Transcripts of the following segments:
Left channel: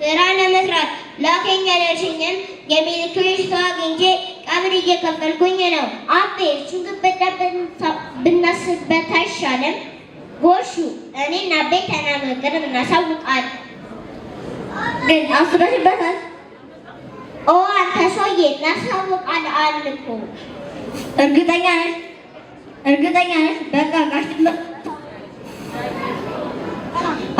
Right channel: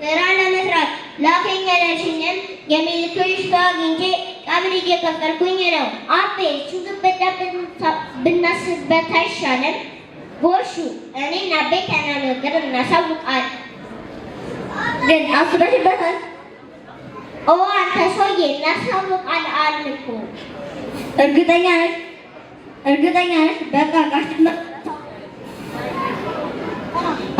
Sera ለመስራት ላከኝ ያለሽኝን የሚልክሽ ሰው አግኝቼ እየከፈልኩኝ ነው። አቤ ሹግበዳ ብናስበት አይሻልም? ጎሹ እኔና አቤ ተነጋግረን እናሳውቃለን። ግን አስበሽበታል? ኦ አንተ ሰውዬ እናሳውቃለን አልኩ። እርግጠኛ ነሽ? እርግጠኛ ነሽ? በቃ ካሽማ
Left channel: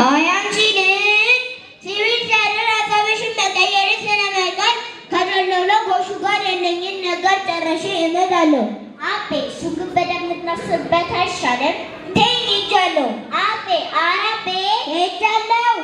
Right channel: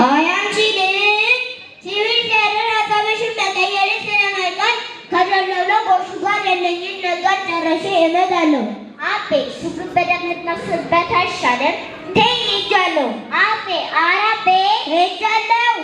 አይ አንቺ ልጅ ሲቪል ካደር ሀሳብሽን መቀየር ስለማይቀር ከደለለ ጎሹ ጋር ያለኝን ነገር ጨርሼ እመጣለሁ። አቤ ሹግበዳ ብናስበት አይሻልም? ተይ ሄጃለሁ። አቤ ኧረ አቤ ሄጃለሁ።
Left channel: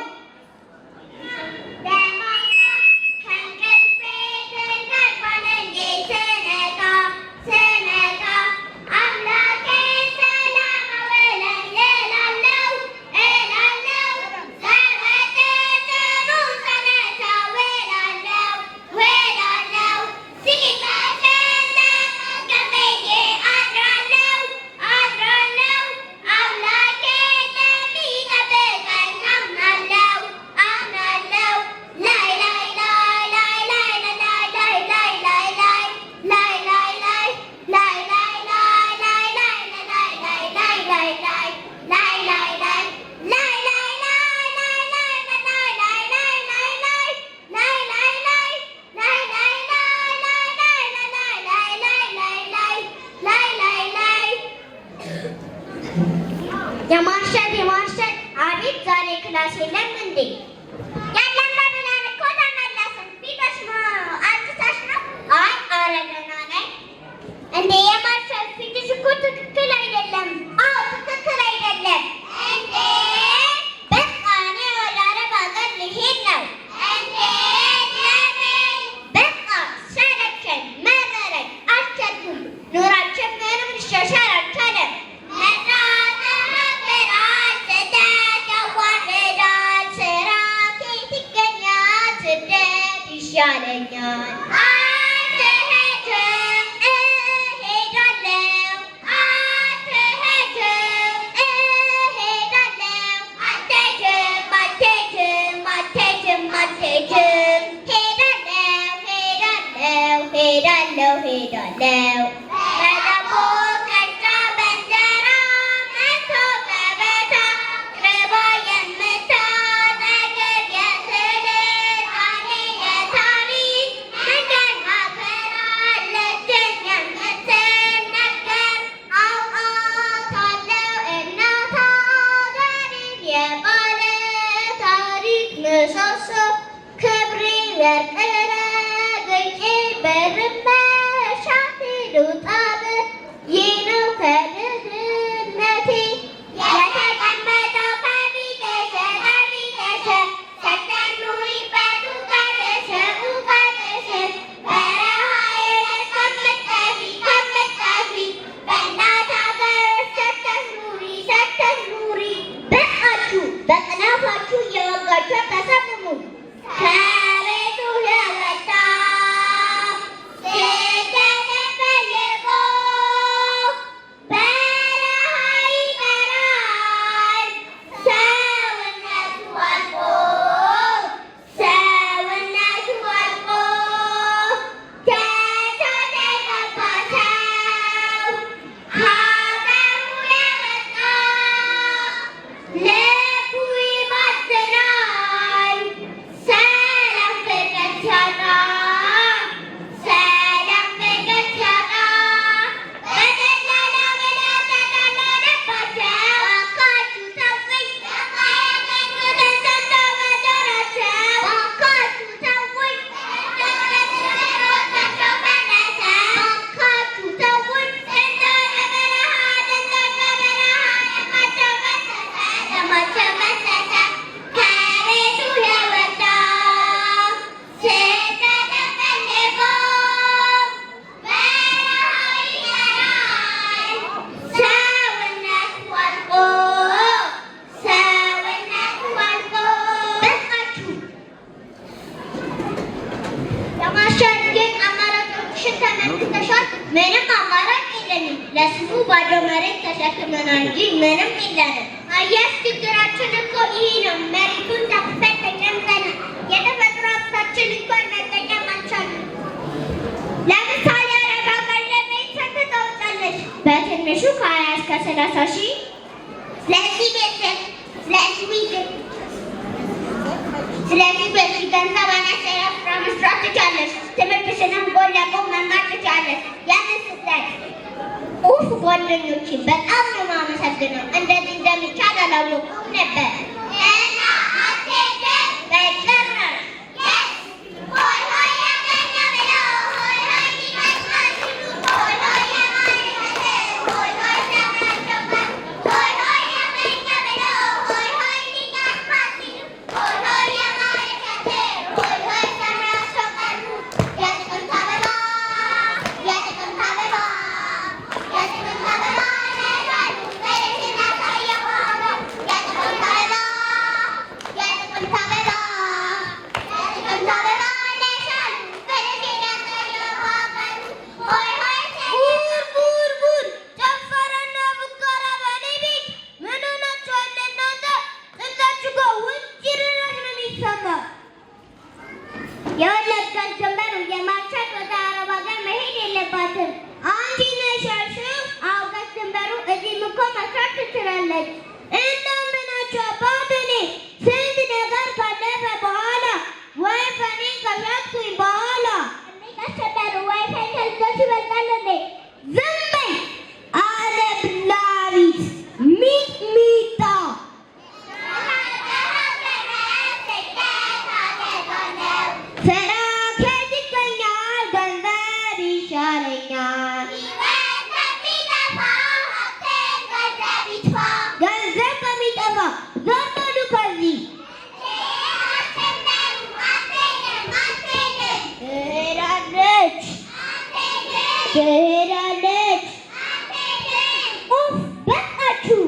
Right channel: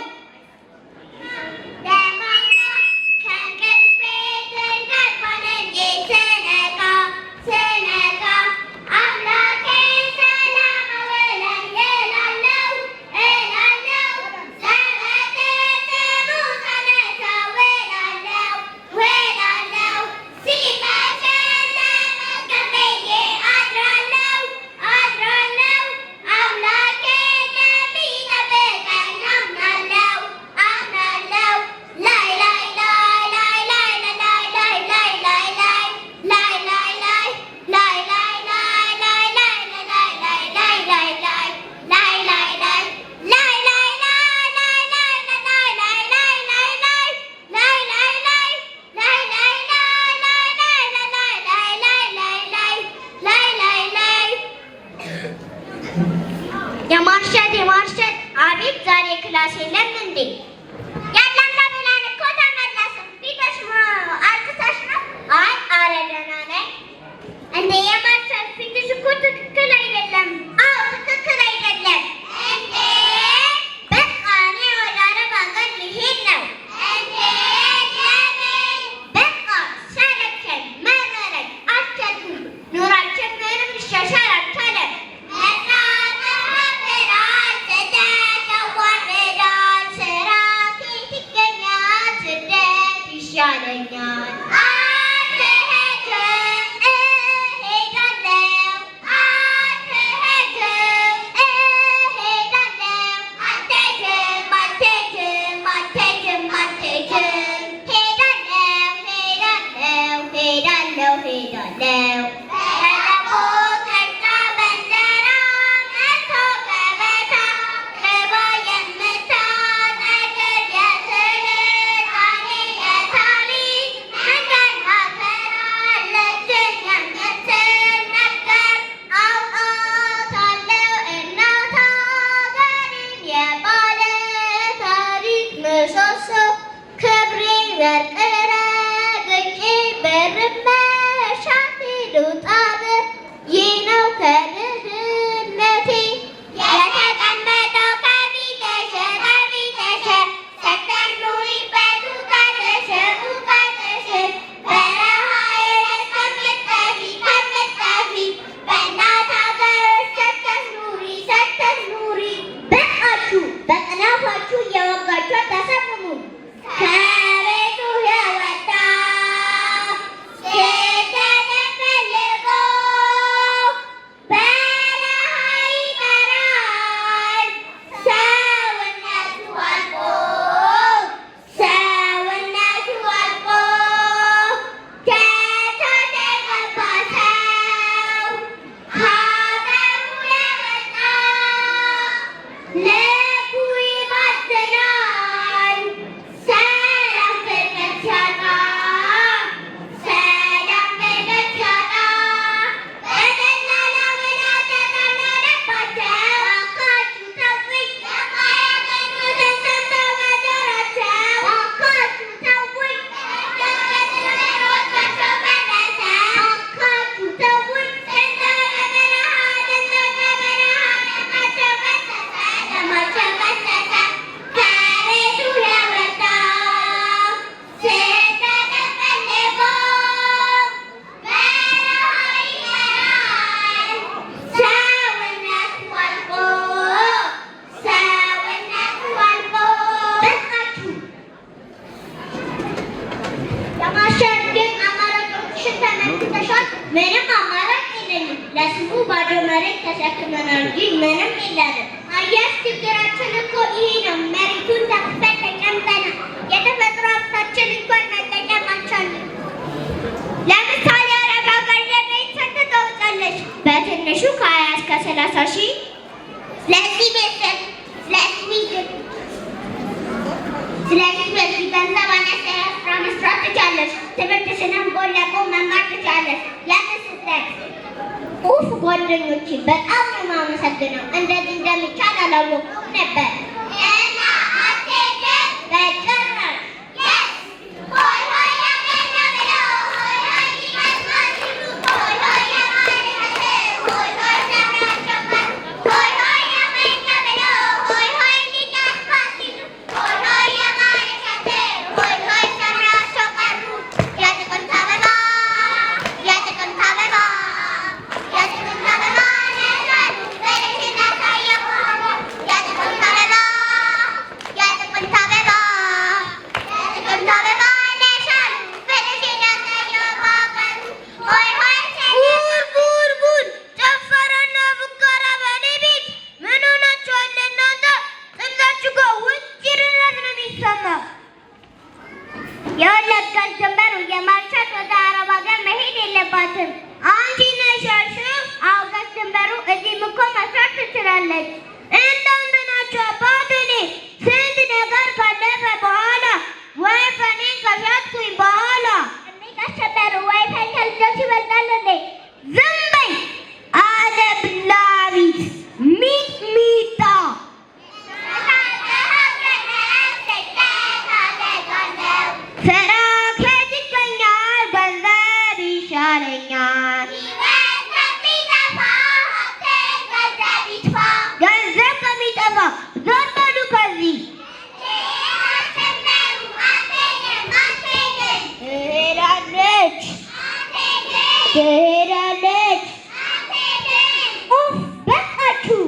የማርሸት አቤት ዛሬ ክላስ የለም እንዴ? ያለና ብለን እኮ ተመለስን። ፊትሽ አልቅሰሽ ነው? አይ ኧረ ደህና ነኝ። እንዴ የማርሸት ፊትሽ እኮ ትክክል አይደለም። አዎ ትክክል አይደለም። እንዴ በቃ እኔ ወደ አረብ ሀገር ልሄድ ነው። እንዴ ለምን? በቃ ሰለቸኝ፣ መረረኝ፣ አልቻልኩም። ኑሯችን ምንም ሊሻሻል አልቻለም። ይሻለኛል። አትሄጂም? እሄዳለሁ። አትሄጂም? እሄዳለሁ። አትሄጂም? አትሄጂም? አትሄጂም? አትሄጂም? ሄዳለሁ። ሄዳለሁ። ምንም አማራጭ የለንም። ለስሙ ባዶ መሬት ተሸክመናል እንጂ ምንም የለንም። አያስ ችግራችን እኮ ይሄ ነው። መሬቱን ተክተን ተቀምጠናል። የተፈጥሮ ሀብታችን እንኳን መጠቀም አልቻልንም። ለምሳሌ አረብ 30,000 ስለዚህ ቤተሰብ ስለዚህ በዚህ ገንዘብ አነስተኛ ስራ መስራት ትችያለሽ። ትምህርትሽንም ጎን ለጎን መማር ትችያለሽ። ያንን ስታይ ጓደኞቼ በጣም ነው የማመሰግነው። እንደዚህ እንደሚቻል አላወኩም ነበር። እና አትሄጂም? በጭራሽ። ሆይ ሆይ ያገኘ ብለው ሆይ ሆይ ይመስላል ሲሉ ሆይ ሆይ የማይረሴ ሆይ ሆይ ተመቸበት ሆይ ሆይ ያገኘ ብለው ሆይ ሆይ ሊጠፋ ሲሉ ሆይ ሆይ የማይረሴ ሆይ ሆይ ተምራቸው ቀሩ። የጥቅምት አበባ የጥቅምት አበባ የጥቅምት አበባ ነሻሉ በልሽን ያሳየው የጥቅምት አበባ የጥቅምት አበባ የጥቅምት አበባ ነሻሉ በልሽን ያሳየው ሆይ ሆይ ጉድ ጉድ ጨፈረና ፉከራ በእኔ ቤት ምን ሆናችኋል እናንተ? ጥርሳችሁ ጋር ውጭ ድረስ ነው የሚሰማው። የወለጋት ጀንበር የማርሻት ወደ አረብ ሀገር መሄድ የለባትም። አንቺ ነሽ ያልሽው? አውቀሽ ጀንበሩ እዚህም እኮ መስራት ትችላለች። እንደውም ምናቸው አባት እኔ ስንት ነገር ካለፈ በኋላ ዋይፋይን ከሻጥኩኝ በኋላ ጀንበሩ ዋይፋይ ከልጆች ይበልጣል እንዴ? ዝም በይ አለብላቢት ሚጥሚጣ ስራ ከየት ይገኛል? ገንዘብ ይሻለኛል። ገንዘብ ከሚጠፋ ዞር በሉ ከዚህ። ትሄዳለች ትሄዳለች። ኡፍ በቃችሁ።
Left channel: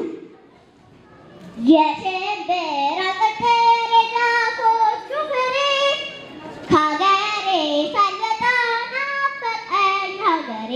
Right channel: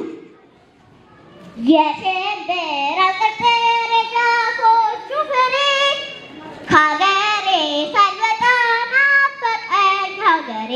የሽምብራ ቅጥር የዛፎቹ ፍሬ ከሀገሬ ሳልወጣ ናፈቀኝ ሀገሬ።